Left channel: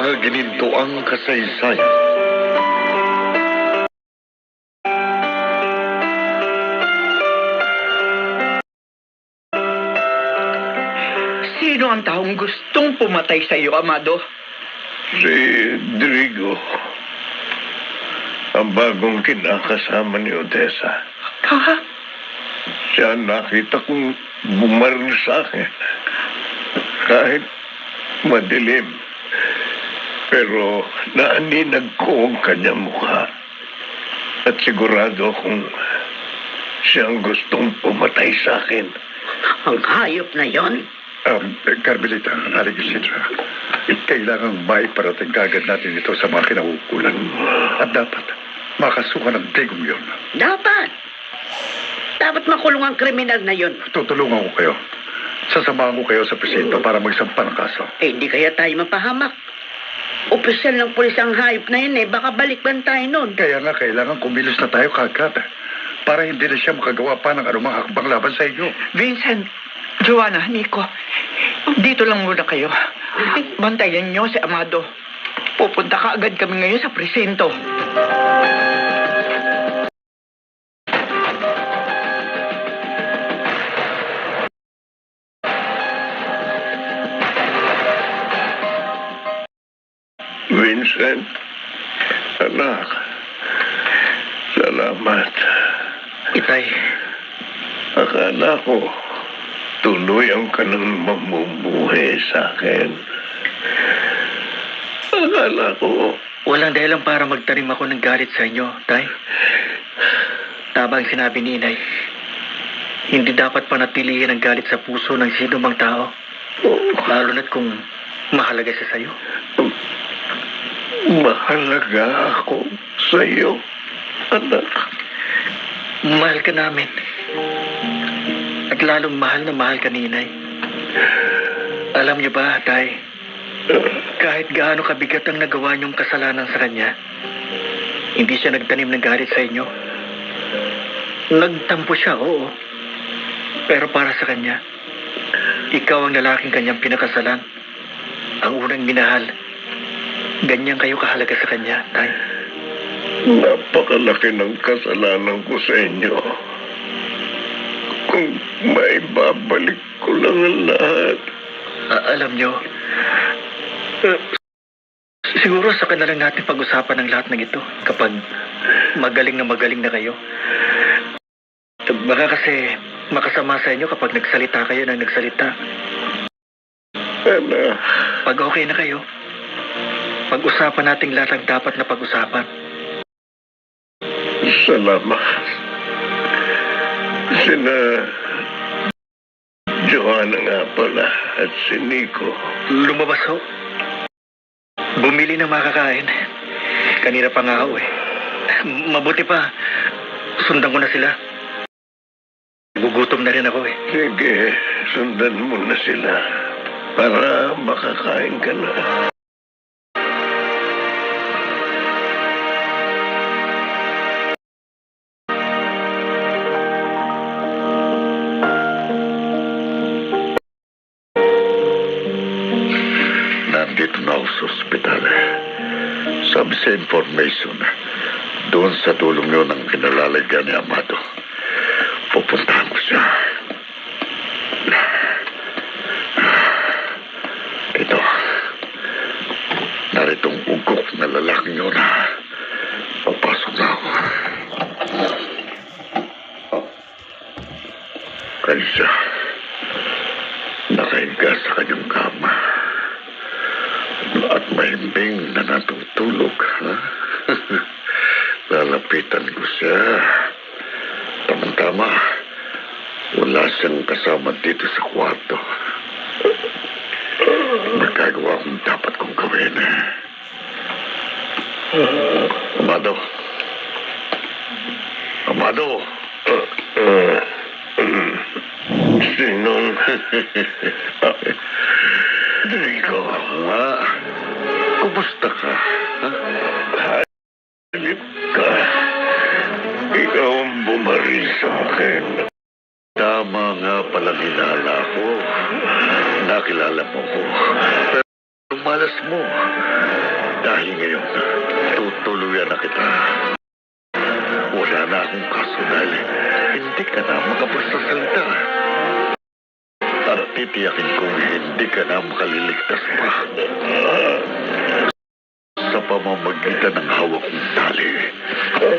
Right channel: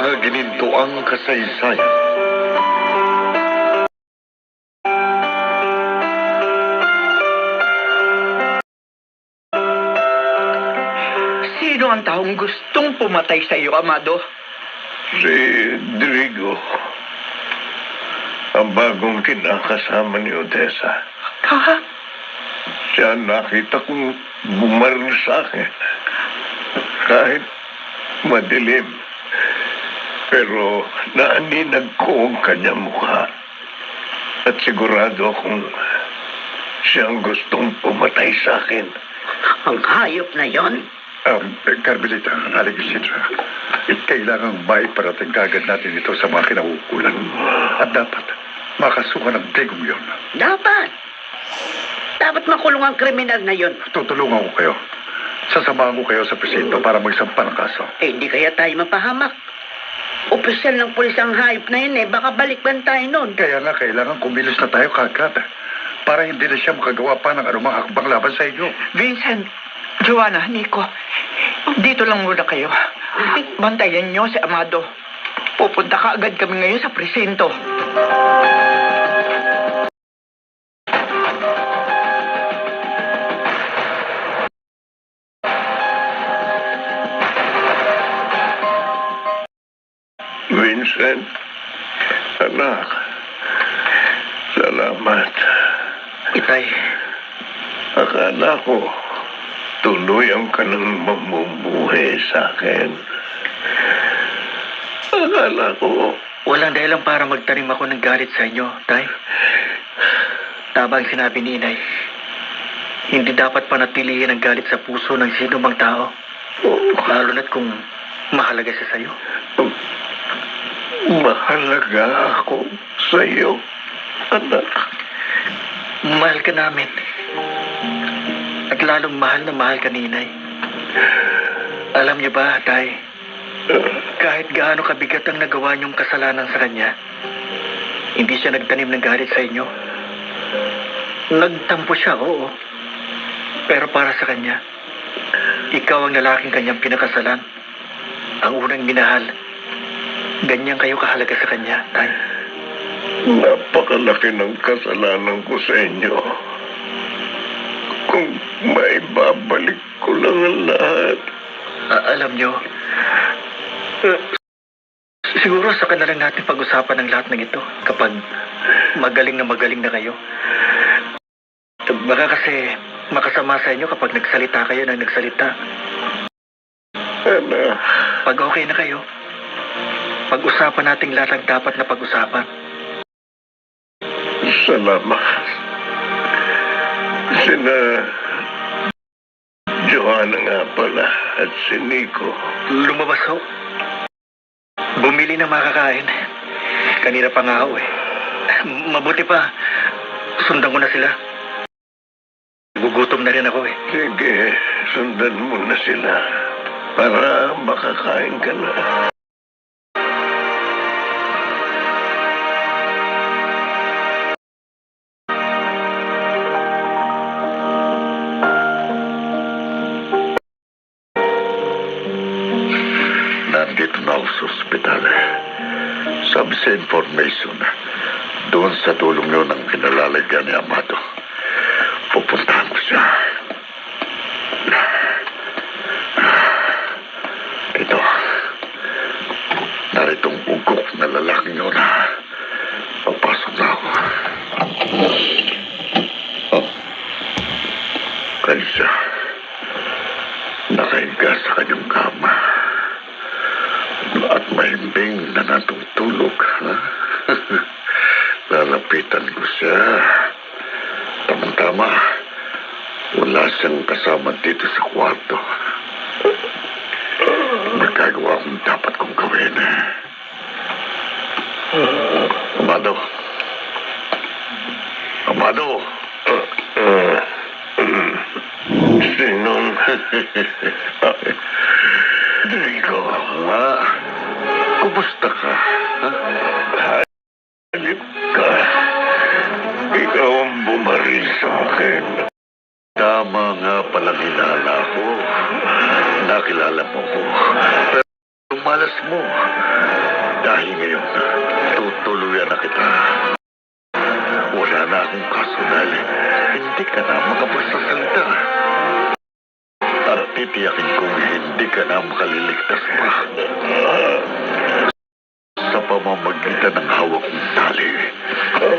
mga ginintuang kasaysayan. Sino ang taong gustong pumatay sa iyo, Amado? Si Drigo, ang bagong kinakasama ni Odessa. Ha? Siya nakita kong bumaril sa akin. Kahit madilim. Pero naaninag ko ang kanyang mukha. At sigurado akong siyang gustong pumatay sa akin. Ang hayop na yon? Carmelita, Alexandra, kailangang maiparating kagad natin ito sa mga kinauukulan. At dapat makasuhan ng Digong yon. Dapat makulong ang kriminal na yon. Tutulungan ko kayo. Sasamahan ko kayo sa presinto para magsampa ng kaso. Hindi kaya tayo mapahamak. Opisyal ng pulis ang hayop na yun baka balikban tayo nun. Kaya nga, kailangan kumilos na tayo kagad para hindi na siya makagawa pa ng anumang hakbang laban sa inyo. Vincent, Joanna, Nico, dito lang muna kayo. Bantayan niyo si Amado. Pupunta ka agad kami ngayon sa presinto. Vincent, anak, salamat. Itay, Akala ko, tuloy ang kanang mamumuhay sa akin. Akala ko, Walang dahilan para magtanim ako ng galit sa inyo, Tay. Tama ang sinabi ni Inay. Hindi dapat panatilihin ang galit sa puso ng sino mang tao. Lalo na't kung mahalaga siya sa'yo. mahalaga ako sa iyo, anak. Mahal ka namin. At lalong mahal na mahal ka ni Inay. Alam niyo ba, Tay, kahit gaano kabigat ang nagawa niyong kasalanan sa kanya, hindi siya nagtanim ng galit sa inyo. Nagtampo siya, oo. Pero para sa kanya, ikaw ang lalaking kanyang pinakasalan. Ang unang minahal. Ganyan kayo kahalaga sa kanya, Tay. Napakalaki ng kasalanan ko sa inyo. Kung may babalik ko lang ang lahat. Alam niyo, siguro sa lang natin pag-usapan ng lahat ng ito kapag magaling na kayo. Baka kasi makasama sa inyo kapag nagsalita kayo ng nagsalita. Anak, Pag okay na kayo, pag-usapan natin lahat ang dapat na pag-usapan. salamat. Sina Joanna nga pala at si Nico. Lumabas ho. Bumili ng makakain. Kanina pa nga ako eh. Mabuti pa, sundan ko na sila. Gugutom na rin ako eh. Sige, sundan mo na sila para makakain ka na. Nandito na ako sa ospital. Sabi sa information, doon sa tulong nyo ng kinalalagyan ni Amado. Pupuntahan ko siya. Ito. Naritong ugok na lalaking yun. Papasok na ako. Kalisa. Nakahiga sa kanyang kama. At mahimbing na natutulog. Ha? Lalapitan ko siya. Tama-tama. Wala siyang kasama dito sa kwarto. Magagawa kung dapat kong gawin. Amado. Amado. Sinong? Rico, nga. Kumusta ka? Ha? Halip ka. Ikaw ang bumaril sa akin. Tama nga pala nilala ko. Nakilala mo ko. Pero mahal malas mo. Dahil ngayon, tutuluyan na kita. Wala na akong kasunal. Hindi ka na makapagsasalita. Para titiyakin kong hindi ka na makaliligtas pa. Sa pamamagitan ng hawak ng tali,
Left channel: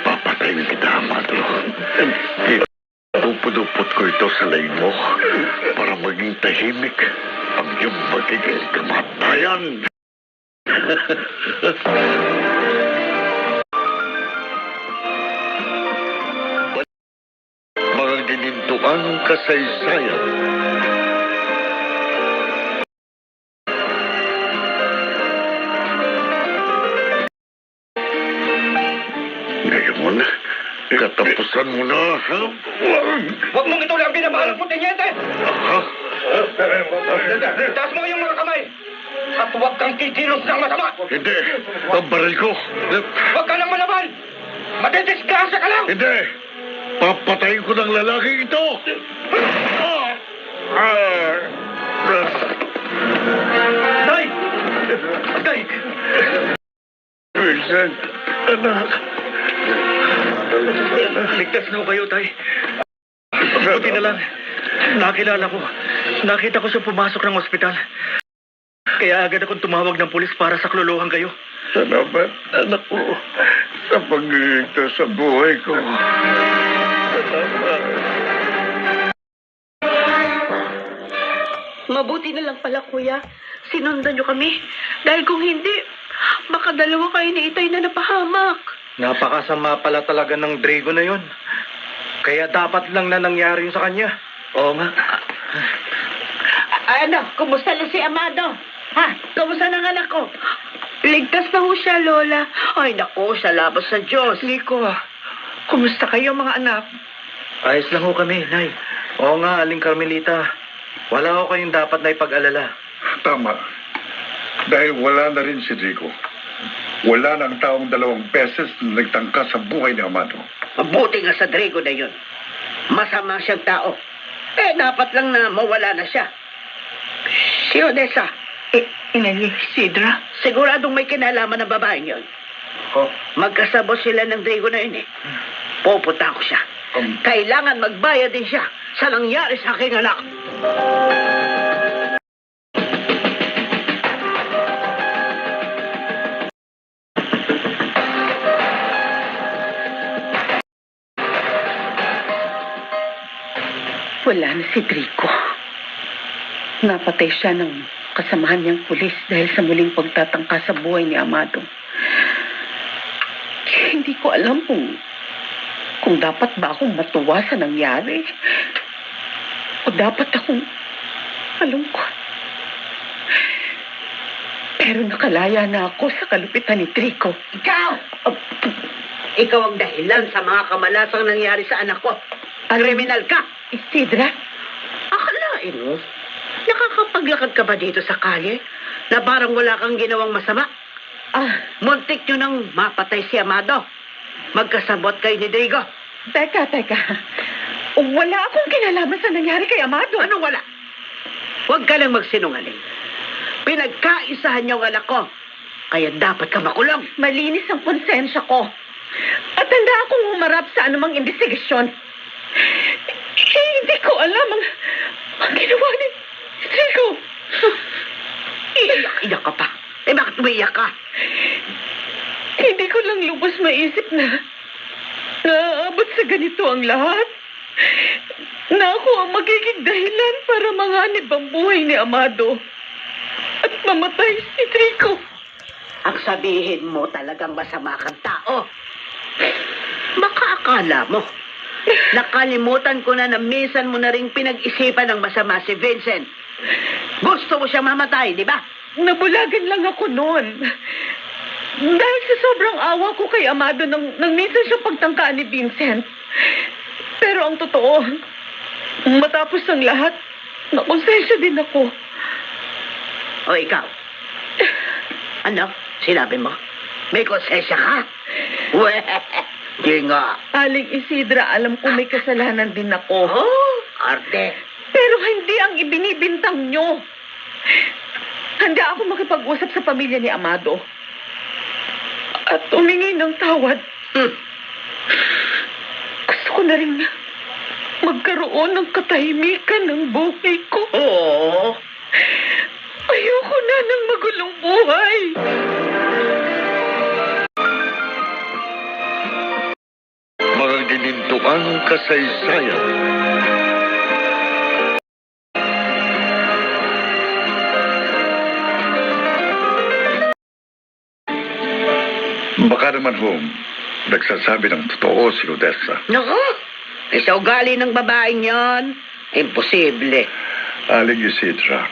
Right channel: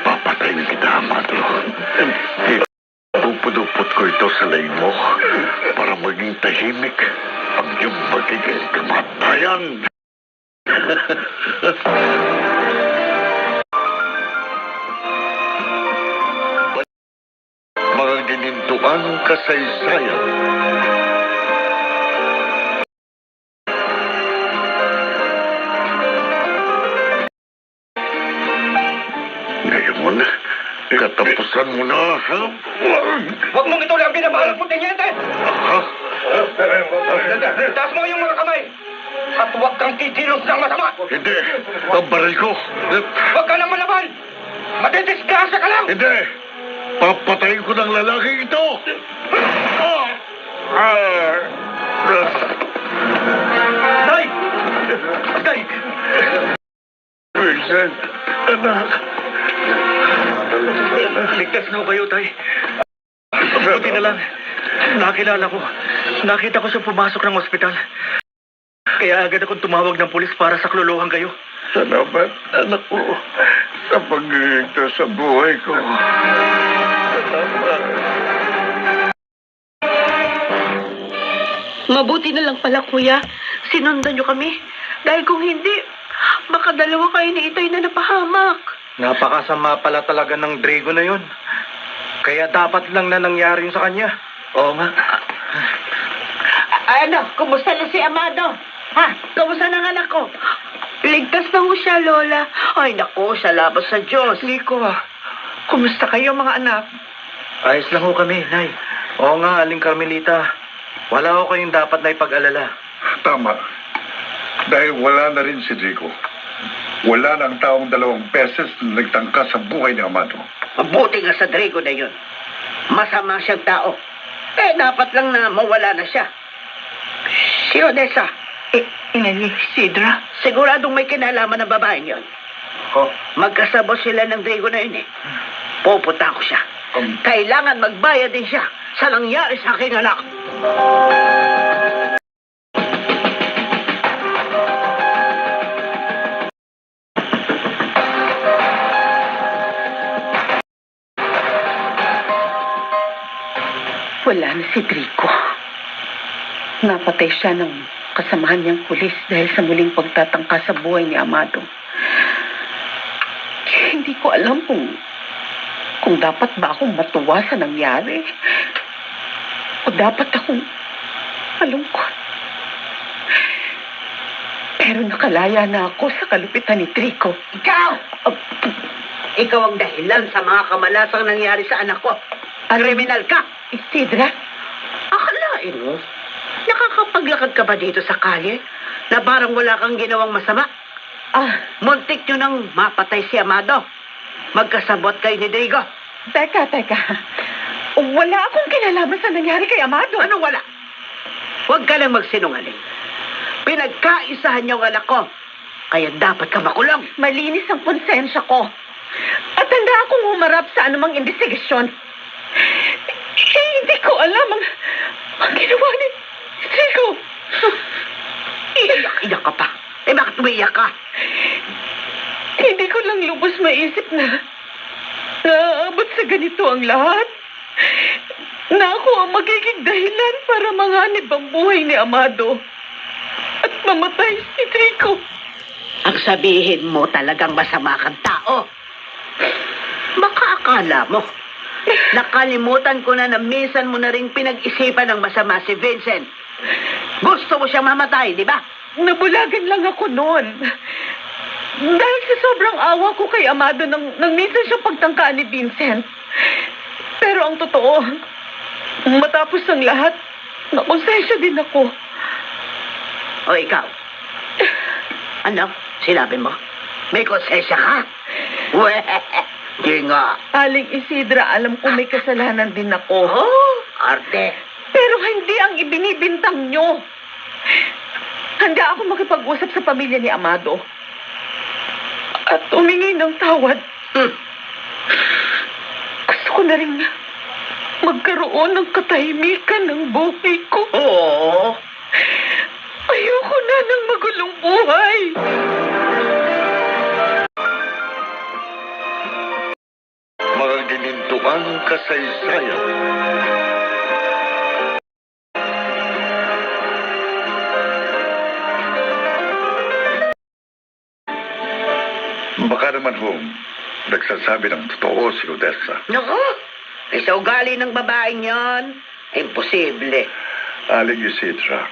papatayin kita, Amado. Pupudupot ko ito sa laing mo para maging tahimik ang iyong magiging kamatayan. Mga ginintuang kasaysayan. Ngayon, katapusan mo na, ha? Huwag mong ituloy ang binabalang mo, Teniente! Ha? Taas mo yung mga kamay! At huwag kang kikilos ng masama! Hindi. Ang baril ko. Huwag ka nang malaman! Matidisgrasya ka lang! Hindi. Papatayin ko ng lalaking ito. Tay! Tay! Vincent, anak. Ligtas na ho kayo, Tay. Buti na lang. Nakilala ko. Nakita ko siya pumasok ng ospital. Kaya agad akong tumawag ng pulis para saklolohan kayo. Salamat, anak ko, sa pag-iigtas sa buhay ko. Salamat. Mabuti na lang pala, kuya. Sinundan niyo kami. Dahil kung hindi, baka dalawa kayo ni Itay na napahamak. Napakasama pala talaga ng Drago na yun. Kaya dapat lang na nangyari yun sa kanya. Oo nga. Ano, kumusta na si Amado? Ha? Kumusta ng anak ko? Ligtas na ho siya, Lola. Ay, naku, salamat sa Diyos. Nico, kumusta kayo mga anak? Ayos lang ho kami, Nay. Oo nga, Aling Carmelita. Wala ho kayong dapat na ipag-alala. Tama. Dahil wala na rin si Rico. Wala na ang taong 2 beses na nagtangka sa buhay ni Amado. Mabuti nga sa Drago na yun. Masama siyang tao. Dapat lang na mawala na siya. Si Odessa, Inay Isidra? siguradong may kinalaman ng babaeng yun. Oh, Magkasabot sila ng Drago na yun eh. Pupunta ko siya. Kailangan magbayad din siya sa nangyari sa aking anak. Wala na si Drico. Napatay siya ng kasamahan niyang pulis dahil sa muling pagtatangka sa buhay ni Amado. Hindi ko alam kung dapat ba akong matuwa sa nangyari o dapat akong malungkot. Pero nakalaya na ako sa kalupitan ni Drico. Ikaw! Ikaw ang dahilan sa mga kamalasang nangyari sa anak ko. Kriminal ka! Isidra? Akalain mo, nakakapaglakad ka ba dito sa kalye na parang wala kang ginawang masama? Muntik nyo nang mapatay si Amado. Magkasabot kayo ni Diego. Teka. Wala akong kinalaman sa nangyari kay Amado. Ano wala? Huwag ka lang magsinungaling. Pinagkaisahan niyo ang anak ko. Kaya dapat ka makulong. Malinis ang konsensya ko. At handa akong humarap sa anumang investigasyon. Hindi ko alam ang ginawa ni Rico. Iyak ka pa. Bakit umiiyak ka? Hindi ko lang lubos maisip na naaabot sa ganito ang lahat. Na ako ang magiging dahilan para manganib ang buhay ni Amado. At mamatay si Rico. Ang sabihin mo talagang masama kang tao. Baka akala mo. Nakalimutan ko na minsan mo na rin pinag-isipan ng masama si Vincent. Gusto mo siyang mamatay, di ba? Nabulagan lang ako noon. Dahil sa sobrang awa ko kay Amado nang minsan siya pagtangkaan ni Vincent. Pero ang totoo, matapos ng lahat, nakonsensya din ako. O ikaw? Ano? Sinabi mo? May konsensya ka? Di nga. Aling Isidra, alam ko may kasalanan din ako. Oh, arte. Pero hindi ang ibinibintang nyo. handa ako makipag-usap sa pamilya ni Amado. At humingi ng tawad. Gusto ko na rin magkaroon ng katahimikan ng buhay ko. Oo. Ayoko na ng magulong buhay. Mga ginintuang kasaysayan. Baka naman nagsasabi ng totoo si Odessa. Naku, sa ugali ng babaeng yan, imposible. Aling Isidra,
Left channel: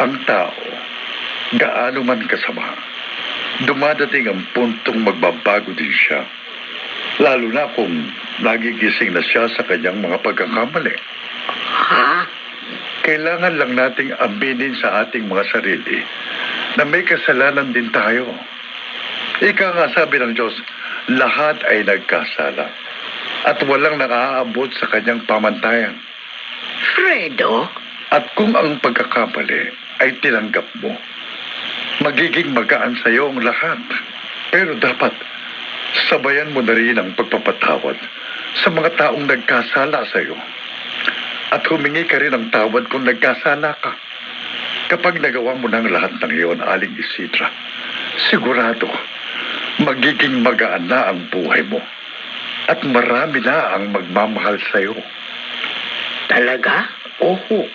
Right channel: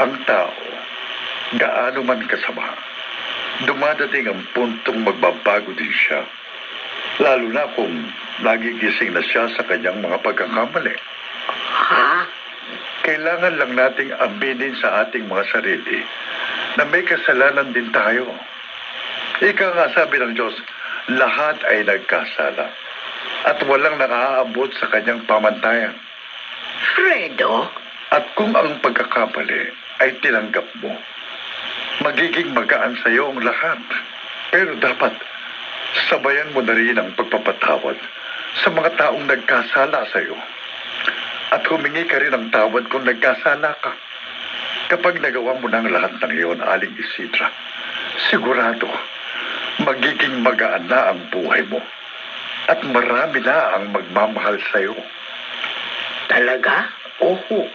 ang tao, gaano man kasama, dumadating ang puntong magbabago din siya. Lalo na kung nagigising na siya sa kanyang mga pagkakamali. Ha? Kailangan lang nating aminin sa ating mga sarili na may kasalanan din tayo. Ika nga sabi ng Diyos, lahat ay nagkasala at walang nakaaabot sa kanyang pamantayan. Fredo? At kung ang pagkakamali ay tinanggap mo, magiging magaan sa iyo ang lahat. Pero dapat sabayan mo na rin ang pagpapatawad sa mga taong nagkasala sa iyo. At humingi ka rin ng tawad kung nagkasala ka. Kapag nagawa mo ng lahat ng iyon, Aling Isidra, sigurado, magiging magaan na ang buhay mo. At marami na ang magmamahal sa iyo. Talaga? Oho.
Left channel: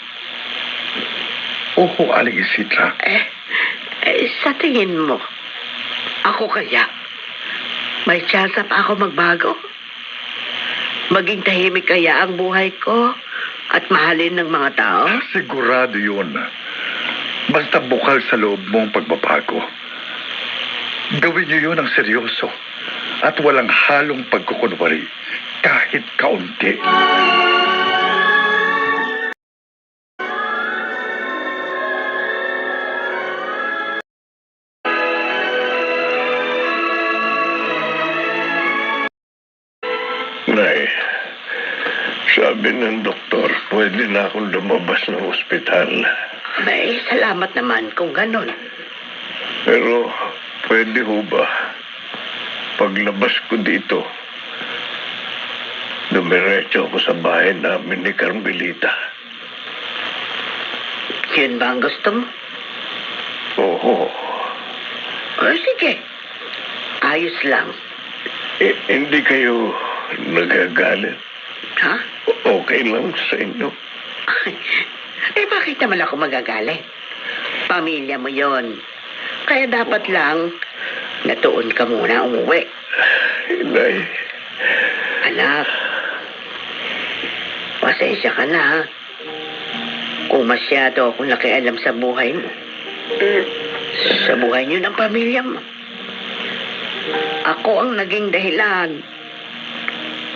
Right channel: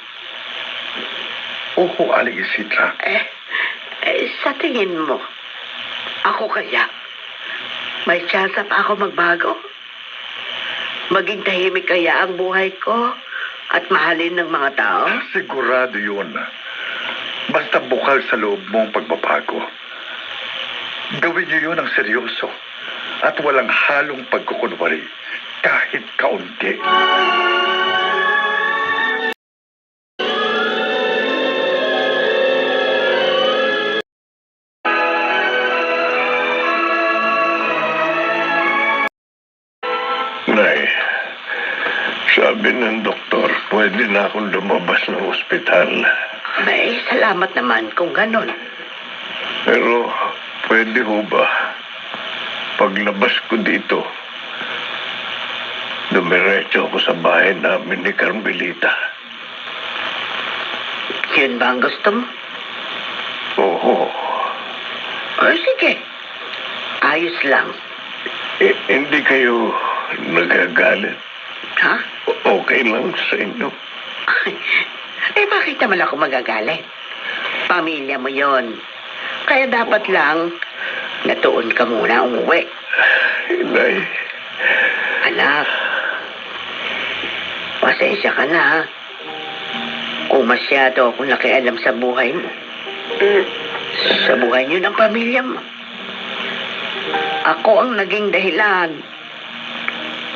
Oho, Aling Isidra. Sa tingin mo, ako kaya, may chance pa ako magbago? Maging tahimik kaya ang buhay ko at mahalin ng mga tao? Sigurado yun. Basta bukal sa loob mo ang pagbabago. Gawin niyo yun ang seryoso at walang halong pagkukunwari kahit kaunti. Nay, sabi ng doktor, pwede na akong lumabas ng ospital. May salamat naman kung ganon. Pero, pwede ho ba? Paglabas ko dito, dumiretso ako sa bahay namin ni Carmelita. Yun ba ang gusto mo? Oo. O sige, ayos lang. Hindi kayo nagagalit? Ha? Okay lang sa inyo. Bakit naman ako magagalit? Pamilya mo yon. Kaya dapat lang natuon ka muna umuwi. Nay. Anak, pasensya ka na, ha? Kung masyado akong nakialam sa buhay mo. Sa buhay niyo ng pamilya mo. Ako ang naging dahilan.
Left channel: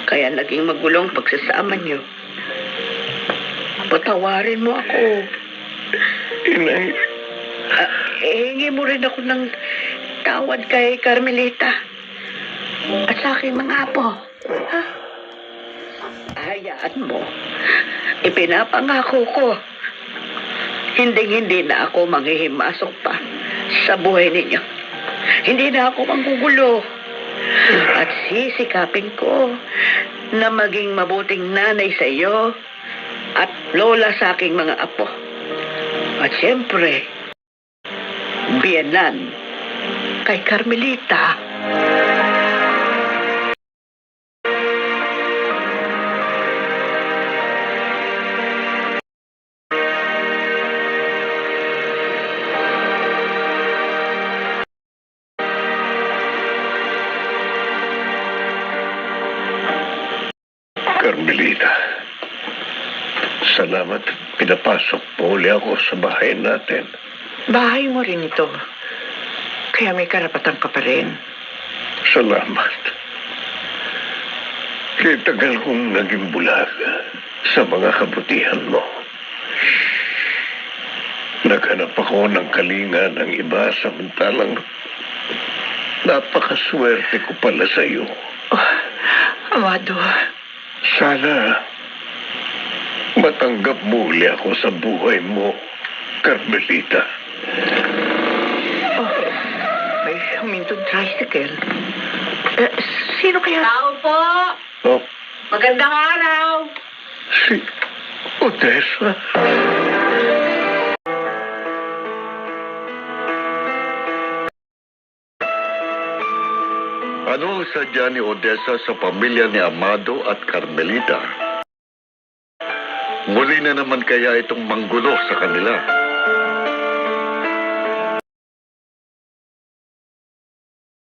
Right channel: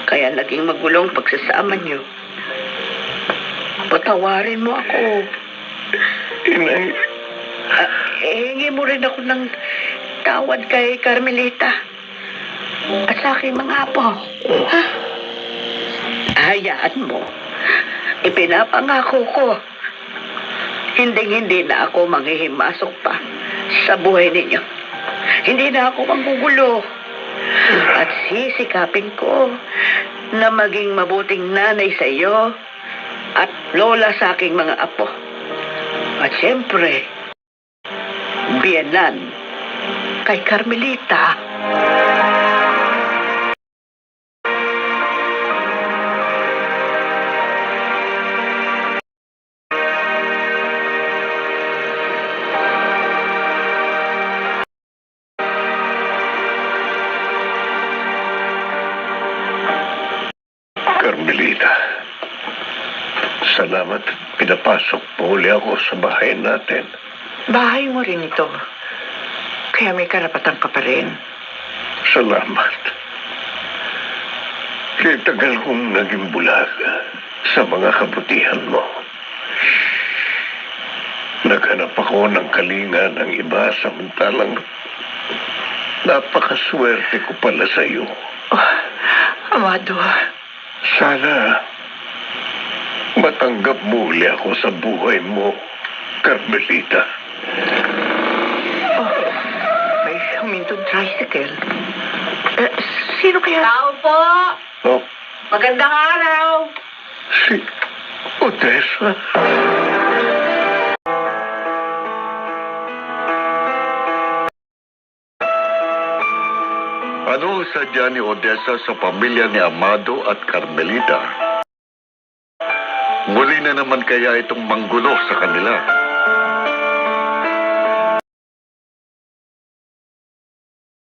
Kaya naging magulong pagsasama niyo. Patawarin mo ako. Inay. Hingi mo rin ako ng tawad kay Carmelita. At sa aking mga apo. Ha? Hayaan mo. Ipinapangako ko. Hindi na ako manghihimasok pa sa buhay ninyo. Hindi na ako manggugulo. At sisikapin ko na maging mabuting nanay sa iyo at lola sa aking mga apo. At siyempre, biyanan kay Carmelita. Carmelita, salamat. Pinapasok po uli ako sa bahay natin. Bahay mo rin ito. Kaya may karapatan ka pa rin. Salamat. Kaya tagal kong naging bulag sa mga kabutihan mo. Naghanap ako ng kalinga ng iba samantalang napakaswerte ko pala sa iyo. Oh, Amado. Sana matanggap muli ako sa buhay mo, Carmelita. Oh, may humintong tricycle. Sino kaya? Tao po! Oh, Magandang araw! si Odessa. Ano ang sadya ni Odessa sa pamilya ni Amado at Carmelita? Muli na naman kaya itong manggulo sa kanila?